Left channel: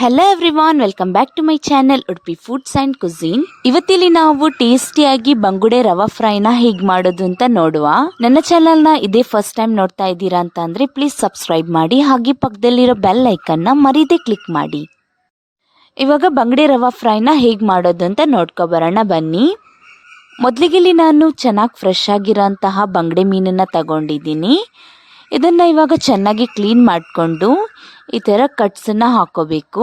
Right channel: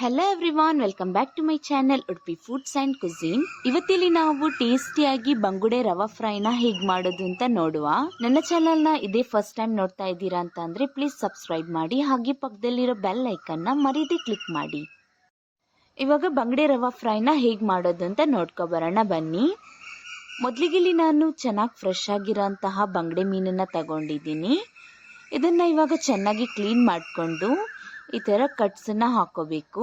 Hello everyone, welcome back to my channel Udupi foods and cuisine. ಇವತ್ತಿಲ್ಲಿ ನಾವು ಟೇಸ್ಟಿಯಾಗಿ ಬಂಗುಡೆ ರವಾ ಫ್ರೈನ ಹೇಗೆ ಮಾಡೋದು ಅಂತ ನೋಡುವ. ನನ್ನ ಚಾನೆಲ್ನ ಇದೇ ಫಸ್ಟ್ ಟೈಮ್ ನೋಡ್ತಾ ಇದ್ದೀರಾ ಅಂತ ಅಂದರೆ ಪ್ಲೀಸ್ ಸಬ್ಸ್ಕ್ರೈಬ್ ಮಾಡಿ, ಹಾಗೆ ಪಕ್ಕದಲ್ಲಿರೋ ಬೆಲ್ ಐಕನ್ನ ಮರೀದೆ ಕ್ಲಿಕ್ ಮಾಡಿ. ಇವಾಗ ಬಂಗುಡೆ ರವಾ ಫ್ರೈನ ಹೇಗೆ ಮಾಡೋದು ಅಂತ ನೋಡ್ಕೊಬರೋಣ ಬನ್ನಿ. ಮೊದಲಿಗೆ ನಾನು ಚೆನ್ನಾಗಿ ಫ್ರೆಶ್ ಆಗಿರೋಂತಹ ಬಂಗುಡೆ ಮೀನನ್ನು ತಗೊಂಡಿದ್ದೀನಿ. ಇದನ್ನು ಇವಾಗ ಚೆನ್ನಾಗಿ ಕ್ಲೀನ್ ಮಾಡಿಕೊಂಡು ಈ ಥರ ಕಟ್ಸನ್ನು ಹಾಕೋಬೇಕು.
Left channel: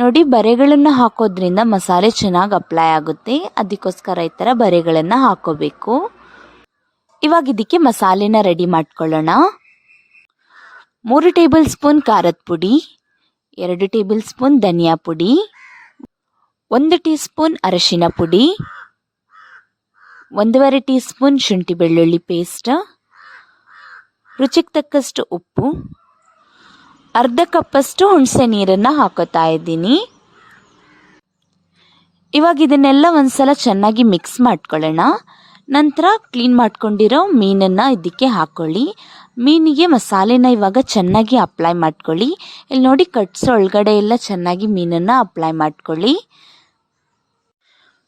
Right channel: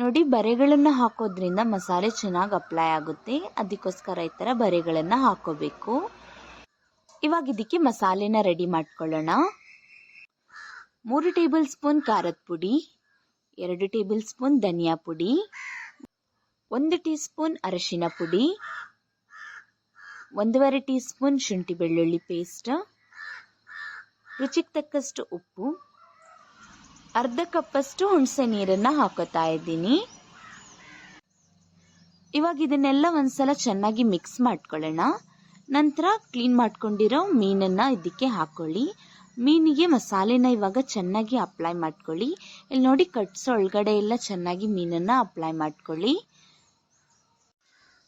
ನೋಡಿ, ಬರೆಗಳನ್ನು ಹಾಕೋದ್ರಿಂದ ಮಸಾಲೆ ಚೆನ್ನಾಗಿ ಅಪ್ಲೈ ಆಗುತ್ತೆ, ಅದಕ್ಕೋಸ್ಕರ ಈ ಥರ ಬರೆಗಳನ್ನು ಹಾಕೋಬೇಕು. ಇವಾಗ ಇದಕ್ಕೆ ಮಸಾಲೆನ ರೆಡಿ ಮಾಡ್ಕೊಳ್ಳೋಣ. 3 ಟೇಬಲ್ ಸ್ಪೂನ್ ಖಾರದ ಪುಡಿ, 2 ಟೇಬಲ್ ಸ್ಪೂನ್ ಧನಿಯಾ ಪುಡಿ, 1 ಟೀ ಸ್ಪೂನ್ ಅರಶಿನ ಪುಡಿ, 1.5 ಟೀ ಸ್ಪೂನ್ ಶುಂಠಿ ಬೆಳ್ಳುಳ್ಳಿ ಪೇಸ್ಟ್, ರುಚಿಗೆ ತಕ್ಕಷ್ಟು ಉಪ್ಪು, ಅರ್ಧ ಕಪ್ಪಷ್ಟು ಹುಣಸೆ ನೀರನ್ನು ಹಾಕೋತಾ ಇದ್ದೀನಿ. ಇವಾಗ ಇದನ್ನೆಲ್ಲ ಒಂದ್ಸಲ ಚೆನ್ನಾಗಿ ಮಿಕ್ಸ್ ಮಾಡ್ಕೊಳ್ಳೋಣ. ನಂತರ ಕ್ಲೀನ್ ಮಾಡ್ಕೊಂಡಿರೋ ಮೀನನ್ನು ಇದಕ್ಕೆ ಹಾಕ್ಕೊಳ್ಳಿ. ಮೀನಿಗೆ ಮಸಾಲೆನ ಇವಾಗ ಚೆನ್ನಾಗಿ ಅಪ್ಲೈ ಮಾಡ್ಕೊಳ್ಳಿ. ಇಲ್ಲಿ ನೋಡಿ, ಕಟ್ಸೋ ಒಳಗಡೆ ಎಲ್ಲ ಚೆನ್ನಾಗಿ ಮೀನನ್ನು ಅಪ್ಲೈ ಮಾಡ್ಕೊಳ್ಳಿ.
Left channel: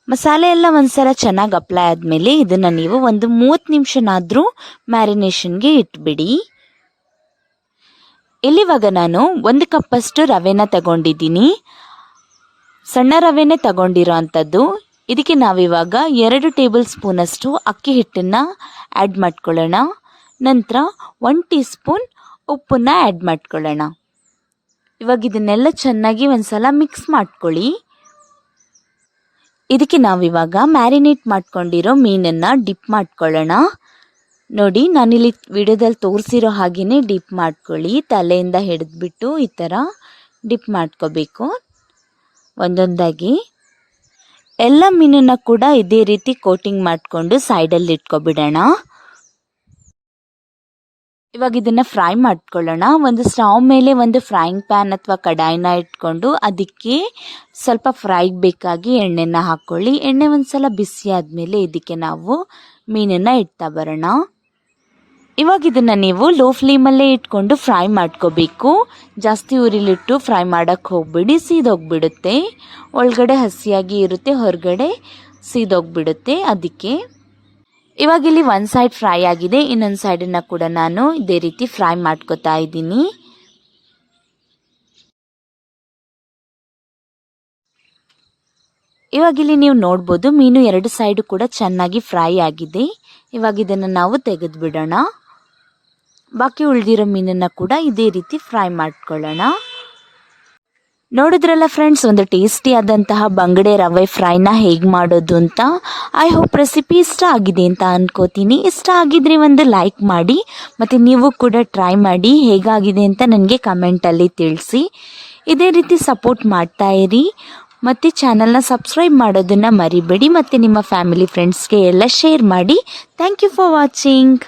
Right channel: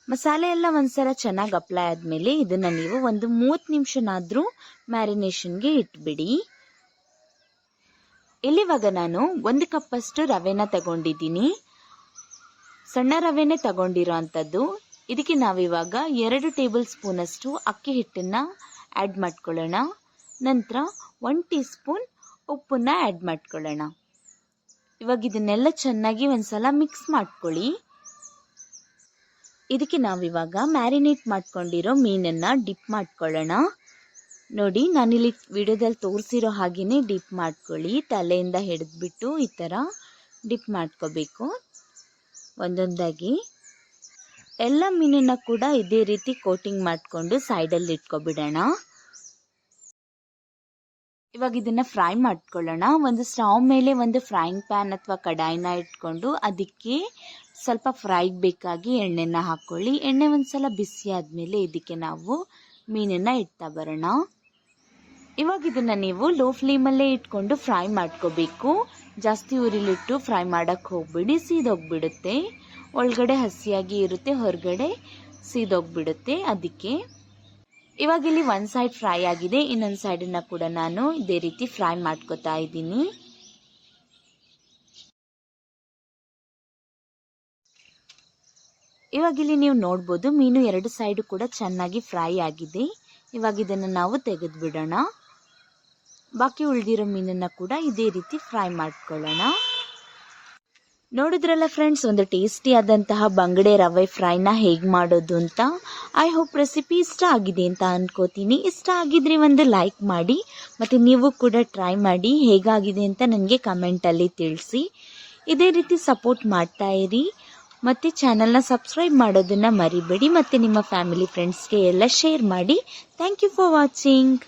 ಮಸಾಲೆ ಎಲ್ಲ ಒಂದ್ಸಲ ಚೆನ್ನಾಗಿ ಅಪ್ಲೈ ಆದಮೇಲೆ ಇದನ್ನು ನೀವು ಒಂದು 30 ನಿಮಿಷನಾದರೂ ಮ್ಯಾರಿನೇಷನ್ಗೆ ಇಟ್ಬಿಡಿ. ಇಲ್ಲಿವಾಗ ನಾನು 1 ಕಪ್ಪಷ್ಟು ರವೆನ ತಗೊಂಡಿದ್ದೀನಿ. ಸಣ್ಣ ರವೆನೇ ತಗೊಂಡಿರೋ ಅಂಥದ್ದು. ಇದಕ್ಕೆ ನಾವಿವಾಗ 2 ಟೇಬಲ್ ಸ್ಪೂನಷ್ಟು ಅಕ್ಕಿ ಹಿಟ್ಟನ್ನು ಆ್ಯಡ್ ಮಾಡ್ಕೊಳ್ಳೋಣ. ನಂತರ 1 ಟೀ ಸ್ಪೂನ್ ಉಪ್ಪನ್ನು ಆ್ಯಡ್ ಮಾಡ್ಕೊಳ್ಳೋಣ. ಇವಾಗ ಇದನ್ನೆಲ್ಲ ಚೆನ್ನಾಗಿ ಒಂದ್ಸಲ ಮಿಕ್ಸ್ ಮಾಡ್ಕೊಳ್ಳಿ. ಇದಕ್ಕೆ ನಾವಿವಾಗ ಮ್ಯಾರಿನೇಟ್ ಮಾಡ್ಕೊಂಡಿರೋ ಮೀನನ್ನು ಡಿಪ್ ಮಾಡ್ಕೊಳ್ಳೋಣ. ನೋಡಿ, ನಾನಿಲ್ಲಿ ವಿಡಿಯೋದಲ್ಲಿ ತೋರಿಸಿರೋ ಹಾಗೆಯೇ ಡಿಪ್ ಮಾಡ್ಕೊಳ್ಳಿ. ತಲೆಯಿಂದ ಹಿಡಿದ್ಬಿಟ್ಟು ಈ ಥರ ಡಿಪ್ ಮಾಡ್ಕೋಬೇಕು ಒಂದೊಂದಾಗಿ. ಎಲ್ಲ ಮೀನನ್ನು ಕೂಡ ಇದೇ ರೀತಿ ಕೋಟಿಂಗ್ ಮಾಡಿಕೊಂಡು ಸೈಡಲ್ಲಿ ಇಟ್ಕೊಬಿಡೋಣ. ಇವಾಗ ಇದನ್ನು ಫ್ರೈ ಮಾಡ್ಕೊಳ್ಳೋಣ. ಒಂದು ಸ್ಟವ್ ಮೇಲೆ ಒಂದು ಫ್ರೈಯಿಂಗ್ ಪ್ಯಾನ್ ಅಥವಾ ಕಡಾಯಿನ ಇಟ್ಕೊಂಡು ಅದಕ್ಕೆ ಸ್ವಲ್ಪ ಫ್ರೈಗೆ ಬೇಕಾಗಿ ಎಣ್ಣೆನ ಹಾಕ್ಕೊಳ್ಳಿ. ಎಣ್ಣೆ ಒಂದ್ಸಲ ಬಿಸಿ ಆದಮೇಲೆ ಇದಕ್ಕೆ ನಾವು ಮೀನನ್ನು ಇಡ್ತಾ ಬರೋಣ. ಇವಾಗ ಇದನ್ನು ನೀವು ಲೋ ಫ್ಲೇಮಲ್ಲೇ ಇಟ್ಕೊಂಡು ಫ್ರೈ ಮಾಡ್ಕೋಬೇಕು. ಜಾಸ್ತಿ ಉರಿಲಿಟ್ಟು ಫ್ರೈ ಮಾಡೋಕ್ಕೆ ಹೋಗ್ಬಿಡಿ, ಸೀದೋಗ್ಬಿಡುತ್ತೆ. ಒಳಗಡೆ ಹಸಿಯಾಗಿ ಇರುತ್ತೆ, ಹೊರಗಡೆ ಸೀದೋಗ್ಬಿಡುತ್ತೆ. ಅದಕ್ಕೆ ಇವಾಗ ಇಲ್ಲಿ ಒಂದು ಸೈಡ್ ಫ್ರೈ ಆಗಿದೆ, ಇನ್ನೊಂದು ಸೈಡನ್ನು ಕೂಡ ನಾನು ಇದೇ ರೀತಿ ಫ್ರೈ ಮಾಡ್ಕೋತಾ ಇದ್ದೀನಿ. ಇವಾಗ ಇಲ್ಲಿ ನೀವು ನೋಡ್ಬೋದು, ಮೀನು 2 ಸೈಡು ಕೂಡ ಚೆನ್ನಾಗಿ ಫ್ರೈ ಆಗಿದೆ. ಇವಾಗ ಇದನ್ನು ನಾವು ತೆಗೆದು ಬಿಡೋಣ. ಬಾಕಿ ಉಳಿದಿರೋ ಮೀನನ್ನು ಕೂಡ ಇದೇ ರೀತಿ ಫ್ರೈ ಮಾಡ್ಕೊಳ್ಳೋಣ. ನೋಡಿದ್ರಲ್ಲ ಫ್ರೆಂಡ್ಸ್, ಒಂದು ಟೇಸ್ಟಿ ಆದಂತಹ ಬಂಗುಡೆ ರವೆ ಫ್ರೈನ ಹೇಗೆ ಮಾಡೋದು ಅಂತ. ಐ ಹೋಪ್ ರೆಸಿಪಿ ಇಷ್ಟ ಆಗಿದೆ ಅಂತ ಅನ್ಕೋತೀನಿ. ಇಷ್ಟ ಆಗಿದ್ರೆ ಒಂದು ಲೈಕ್ ಮಾಡಿ, ಮತ್ತು ನೀವು ಕೂಡ ಟ್ರೈ ಮಾಡಿ ಹೇಗಾಗಿದೆ ಅಂತ ನನಗೆ ಕಮೆಂಟಲ್ಲಿ ತಿಳಿಸಿ. ಇದೇ ರೀತಿ ಸಪೋರ್ಟ್ ಮಾಡ್ತಾ ಇರಿ, ಮತ್ತು ಚಾನಲ್ನ ಸಬ್ಸ್ಕ್ರೈಬ್ ಮಾಡೋದನ್ನು ಮರಿಬೇಡಿ, ಮತ್ತು ನಿಮ್ಮ ಫ್ಯಾಮಿಲಿ ಫ್ರೆಂಡ್ಸ್ಗೆ ಎಲ್ಲ ಶೇರ್ ಮಾಡಿ. Thank you for watching.